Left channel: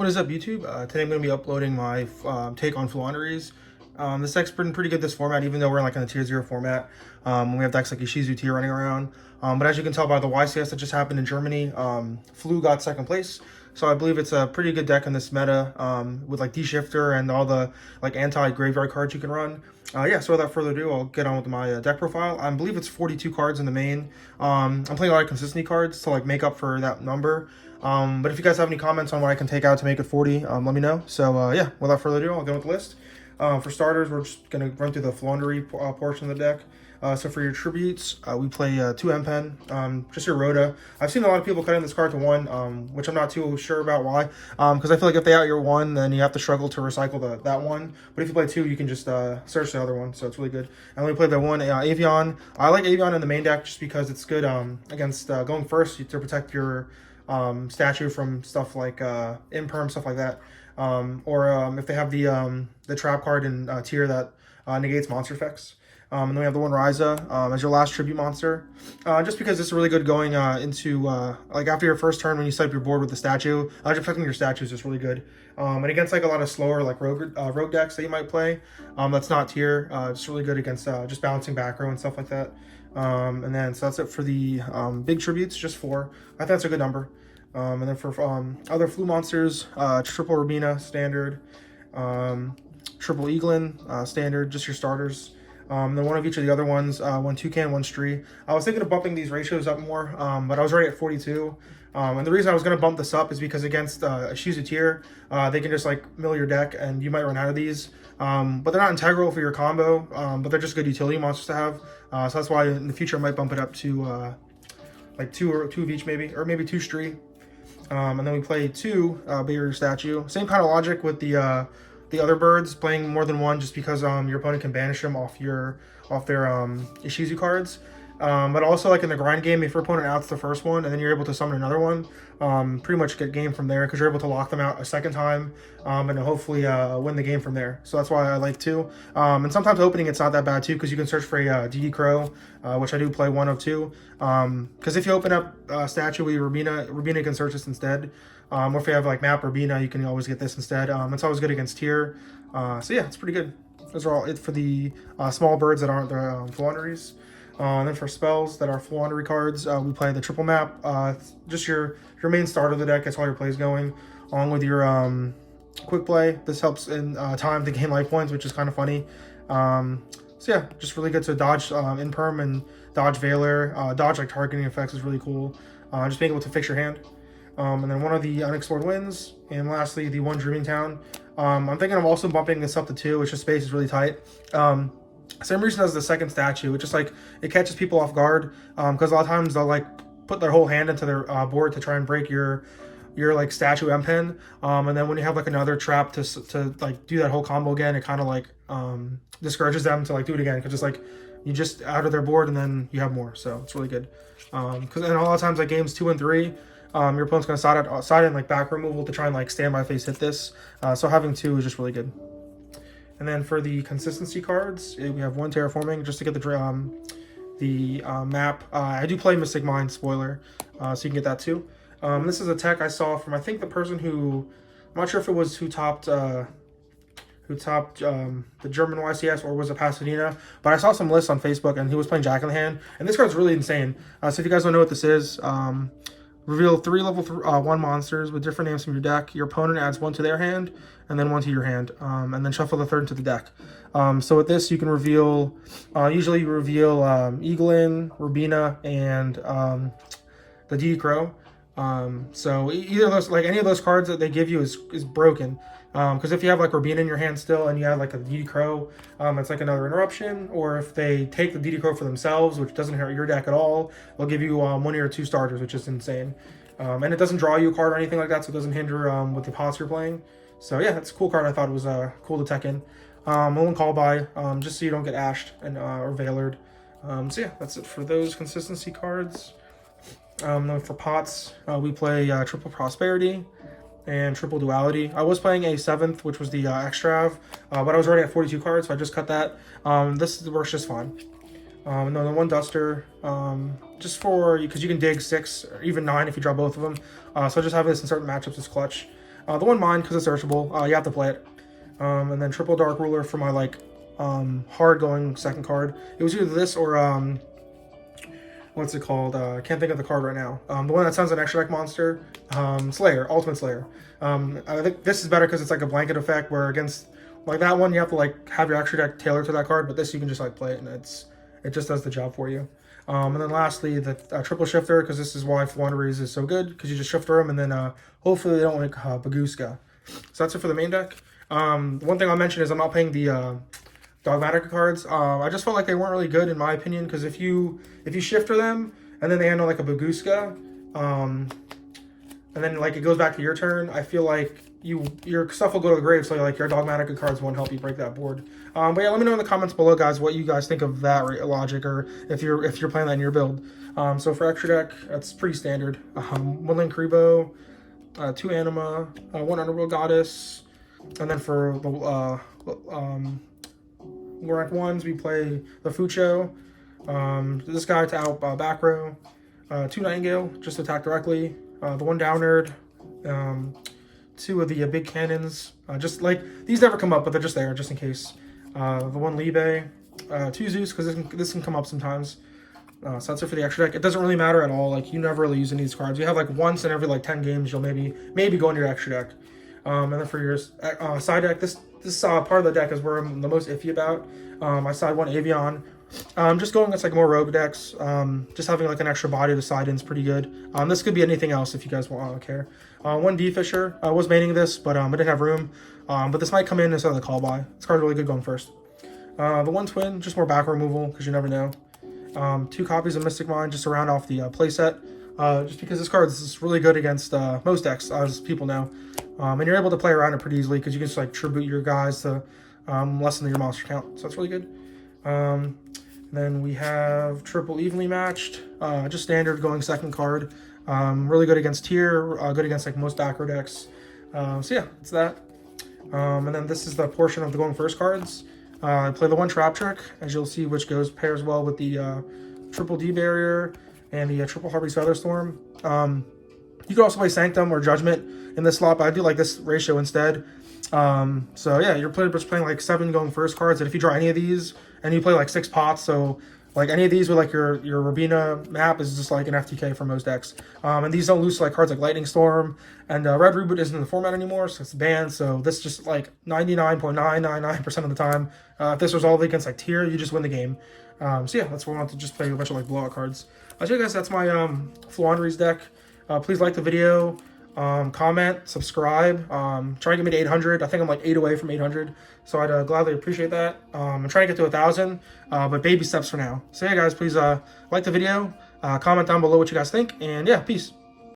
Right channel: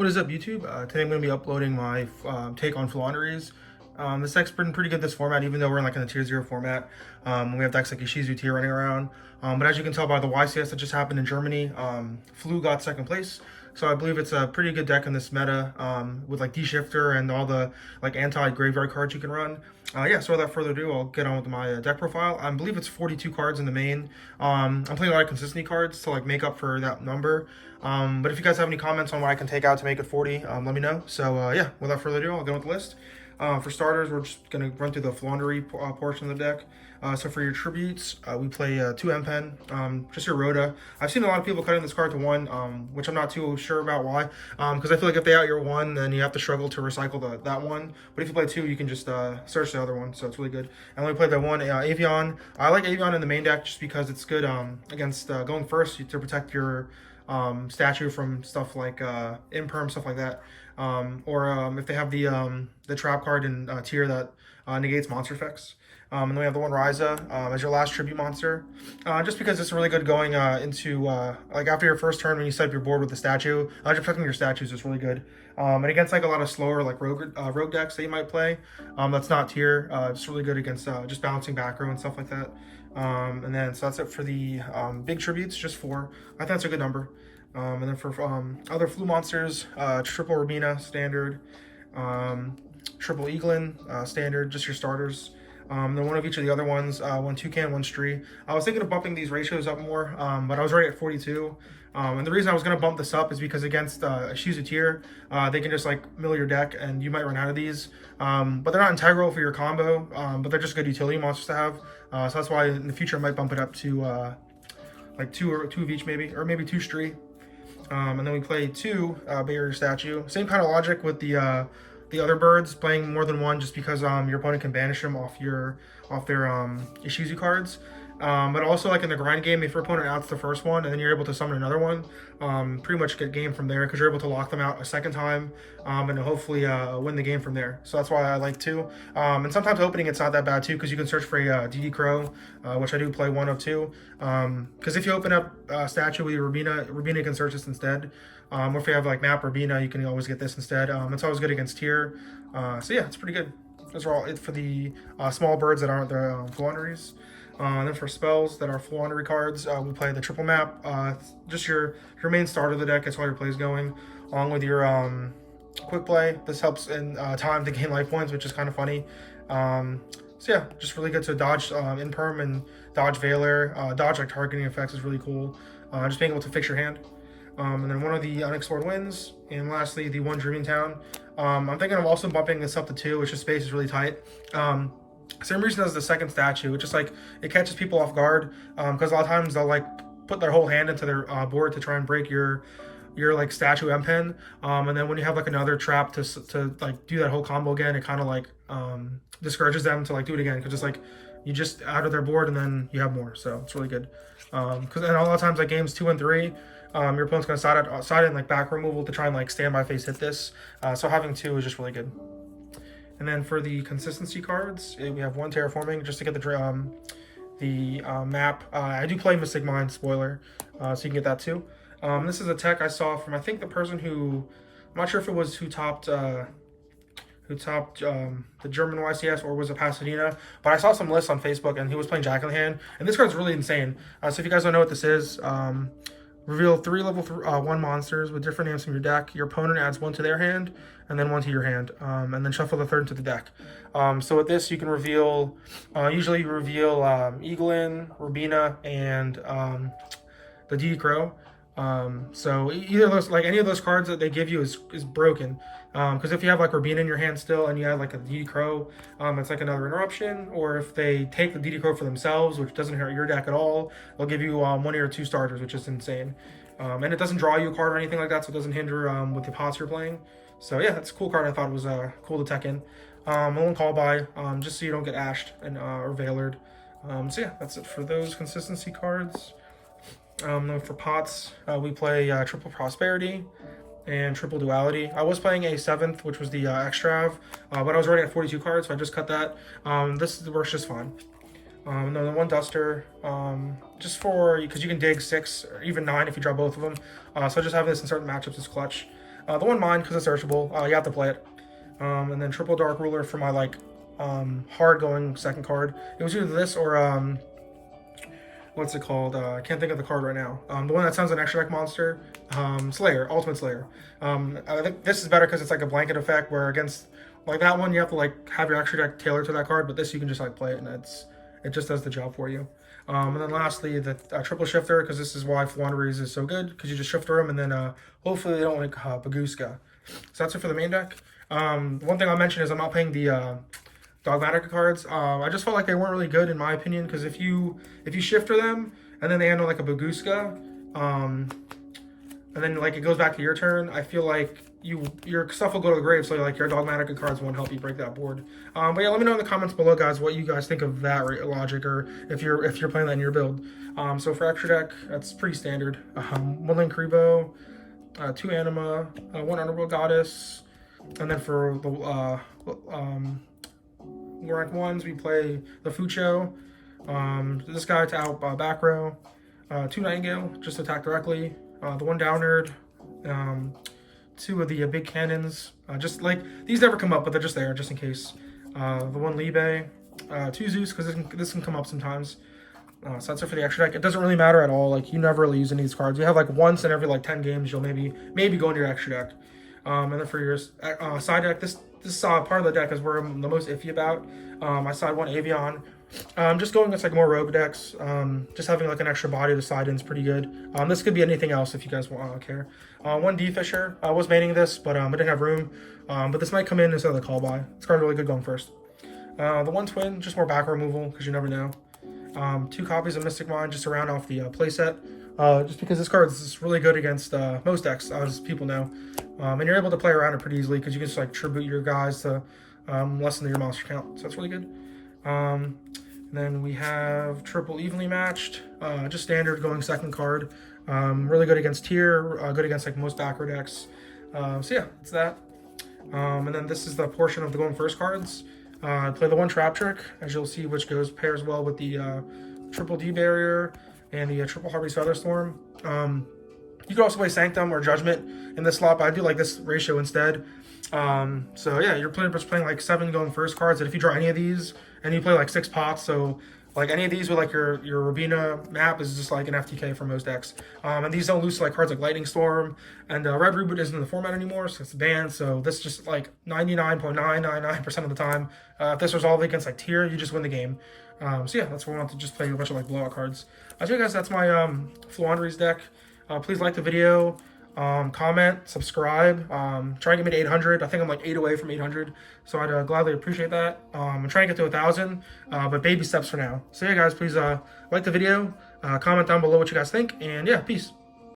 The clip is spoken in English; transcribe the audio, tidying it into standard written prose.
What is up, YouTube? Today I'm going to be uploading my take on Floowandereeze. This deck's been pretty good this format, even though we're in like in a tier 0 format. We have decks like Yugioh tier running around. But as you can tell by the YCS that just happened in Germany, Flu got second place. So I believe it's a pretty good deck in this meta with like D-Shifter and all the like anti-graveyard cards you can run. Yeah, so without further ado, I'll get on with my deck profile. I believe it's 42 cards in the main. I'm playing a lot of consistency cards to like make up for that number. But if you guys have any comments on what I can take out to make it 40, let me know. So yeah, without further ado, I'll go with the list. For starters, we're just going to run through the Floowandereeze portion of the deck. So for your tributes, we play 2 M-Pen, just your Rhoda. I've seen a lot of people cutting this card to 1, which I'm not too sure about why. Because I feel like if they out your 1, then you have to struggle to recycle that one. But if you play 2, you can just search the other one, so it's really good. And we played the 1 Avion. I like Avion in the main deck just because it's good against going first to protect your statue from stuff like imperm, stuff like that. Or if they have the trap card in tier that negates monster effects. And then we have the one Ryza as your last tribute monster. Just because it's really good going into like after your first turn when you set up your board with the statue. Just protecting your statues is really good. And against like a lot of slower like rogue decks that you might play, that's not tier. It's really good against just bouncing back row and stuff like that. And then so that's it for the big tributes, just 4. I think that's a good number. And then for other flu monsters, triple Rabina standard, triple Eaglin standard, just your starters. Then one of each of the other ones, one Toucan, one Stree. I was thinking of bumping these ratios up more, but I was already at 42. And the reason I was going to bump this up is because against a Yugioh tier, they can just like mill your deck and you might run out of these. But they're not integral for your combo, but they're just good utility monsters to have. So that's why in the future I might bump it up to like 2 of each maybe, or maybe 2 Stree. And then we play 2 bigger statue. Same kind of logic with the other birds, playing more than 1 just because your opponent can banish them off their Yugioh cards. But also like in the grind game, if your opponent outs the first one and then you're able to summon another one, pretty much get game from there because you're able to lock them out a second time and hopefully win the game from there. So that's why I like 2. And sometimes opening it's not that bad too because you can search for a DD Crow, which I do play 1 of 2. Because if you open up statue with your Rabina can search this instead. Or if you have like map Rabina, you can always get this instead. It's always good against tier. So yeah, it's pretty good. Those are all it for the small birds that aren't the Floowandereeze. And then for spells that are Floowandereeze cards, we play the triple map. Just your main start of the deck. That's all your plays going, along with your quick play. This helps in time to gain life points, which is kind of funny. So yeah, just really good to dodge imperm and dodge Veiler. Dodge like targeting effects is really cool. Just being able to fix your hand. And then one of the unexplored winds, and lastly the 1 Dreaming Town. I'm thinking of also bumping this up to 2, which the space is really tight. Same reason as the second statue, it's just like it catches people off guard because a lot of times they'll like put their whole hand into their board to try and break your like statue M-Pen, and then when you have like another trap to like do that whole combo again, it kind of like discourages them to like do it again because it's like you just out of their board and then you have more, so it's really good. Because and a lot of times like games 2 and 3. Your opponent's going to side in like back removal to try and like stand by face hit this. So having 2 is just really good. And then for the consistency cards, we have 1 Terraforming just to get the map. I do play Mystic Mind, spoiler, so you can get that too. This is a tech I saw from I think the person who, I'm not sure if it was who topped the German YCS or was it Pasadena, but I saw some lists on Facebook and he was playing Jack in the Hand, and this card's really insane. So if you guys don't know what this is, reveal 3 level 1 monsters with different names from your deck. Your opponent adds 1 to their hand, and then 1 to your hand, and then shuffle the 3rd into the deck. So with this, you can reveal, usually you reveal Eaglin, Rabina, and the DD Crow. So either of those, like any of those cards that they give you is broken. Because if you have like Rabina in your hand still and you have like a DD Crow, it's like another interruption. Or if they take the DD Crow for themselves, which doesn't hurt your deck at all, they'll give you 1 or 2 starters, which is insane. And it doesn't draw you a card or anything like that, so it doesn't hinder with the pots you're playing. So yeah, it's a cool card. I thought it was cool to tech in. One call by, just so you don't get ashed and or veilered. So yeah, that's it for those consistency cards. Then for pots, we play triple Prosperity and triple Duality. I was playing a 7th, which was the Extrav, but I was already at 42 cards, so I just cut that. This works just fine. And then the 1 Duster, just for, because you can dig 6 or even 9 if you draw both of them. So just have this in certain matchups as clutch. The one mine, because it's searchable, you have to play it. And then triple Dark Ruler for my like hard going second card. It was either this or what's it called? I can't think of the card right now. The one that sounds an extra deck monster, Slayer, Ultimate Slayer. I think this is better because it's like a blanket effect, where against like that one you have to like have your extra deck tailored to that card, but this you can just like play it and it just does the job for you. And then lastly, the triple shifter, because this is why Floowandereeze is so good, because you just shifter them and then hopefully they don't like Baguska. So that's it for the main deck. One thing I'll mention is I'm not playing the Dogmatic cards. I just felt like they weren't really good in my opinion, because if you shifter them and then they handle like a Baguska, and then like it goes back to your turn, I feel like your stuff will go to the grave, so like your Dogmatic cards won't help you break that board. But yeah, let me know in the comments below, guys, what you guys think of that logic, or if you're playing that in your build. So for extra deck, that's pretty standard. One Link Kribo, 2 Anima, 1 Underworld Goddess, and then for the rank 1s, we play the Fucho, this guy to out back row, 2 Nightingale, just attack directly, the 1 Downerd, 2 of the big cannons, just like, these never come up, but they're just there, just in case. The 1 Libe, 2 Zeus, because this can come up sometimes. So that's it for the extra deck. It doesn't really matter at all, like, you never really use any of these cards. You have, like, once in every, like, 10 games, you'll maybe go into your extra deck. And then for your side deck, this part of the deck is where I'm the most iffy about. My side 1 Avion. Just going against like more rogue decks. Just having like an extra body to side in is pretty good. This could be anything else if you guys want. I don't care. 1 D Fisher. I was maining this, but I didn't have room. But this might come in instead of the call by. This card's really good going first. The 1 Twin, just more back removal because you never know. 2 copies of Mystic Mind just to round off the playset. Just because this card is really good against most decks, as people know. And you're able to play around it pretty easily because you can just like tribute your guys to lessen your monster count. So that's really good. Then we have triple evenly matched, just standard going second card. Really good against tier, good against like most backer decks. So yeah, it's that. And then this is the portion of the going first cards. I play the 1 Trap Trick, as you'll see, which pairs well with the triple D barrier and the triple Harvey's Featherstorm. You could also play Sanctum or Judgment in this slot, but I do like this ratio instead. So yeah, you're just playing like 7 going first cards, and if you draw any of these, and you play like 6 pots, so like any of these with like your Rabina map is just like an FTK for most decks. And these don't lose to like cards like Lightning Storm, and Red Reboot isn't in the format anymore, so it's banned. So this just like 99.999% of the time, if this was all against like tier, you just win the game. So yeah, that's why I want to just play a bunch of like blowout cards. So guys, that's my Floowandereeze deck. Please like the video, comment, subscribe. Try and get me to 800. I think I'm like 8 away from 800, so I'd gladly appreciate that. I'm trying to get to 1,000, but baby steps for now. So yeah, guys, please like the video, comment down below what you guys think, and yeah, peace.